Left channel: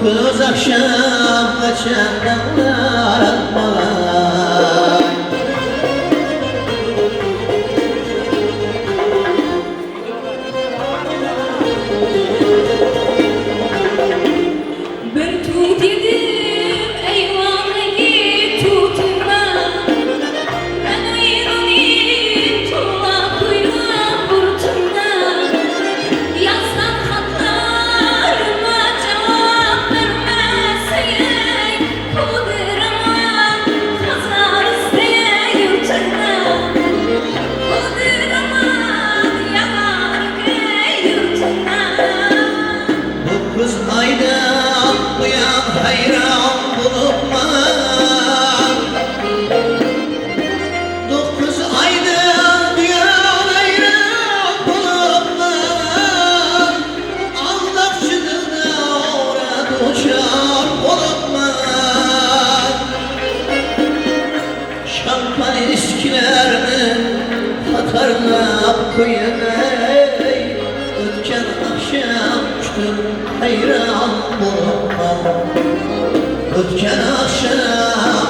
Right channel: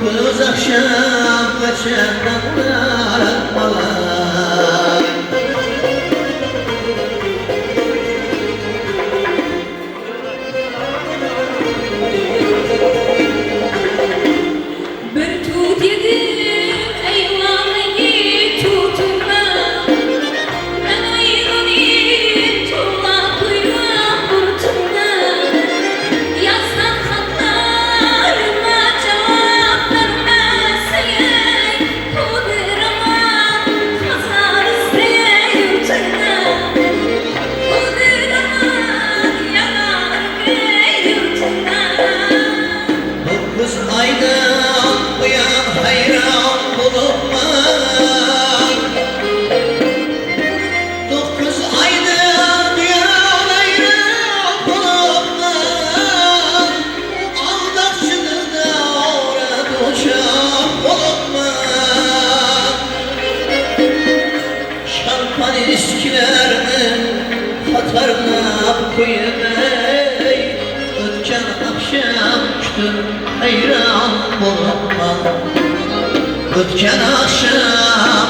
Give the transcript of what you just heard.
Kız akşam kaçan dağlar atmalar. Bir tut yedim eyvanı tutma. Ben ayırmayın tuğla duyuram kurtulma. Yazdan katlarıma cevap vermezsen kuduramam kazar isteyeyim cennet. Kuduramam yanar eyim cennet. Dokuz aydan bu yan hayran bulunma. Dokuz aydan bu yan hayran bulunma. Aldatıcı da orada uçak bulunma. Şampan ilişkilerini hatırla koymayı. Ötken akşam kütüm hayran bulunma. Ötken akşam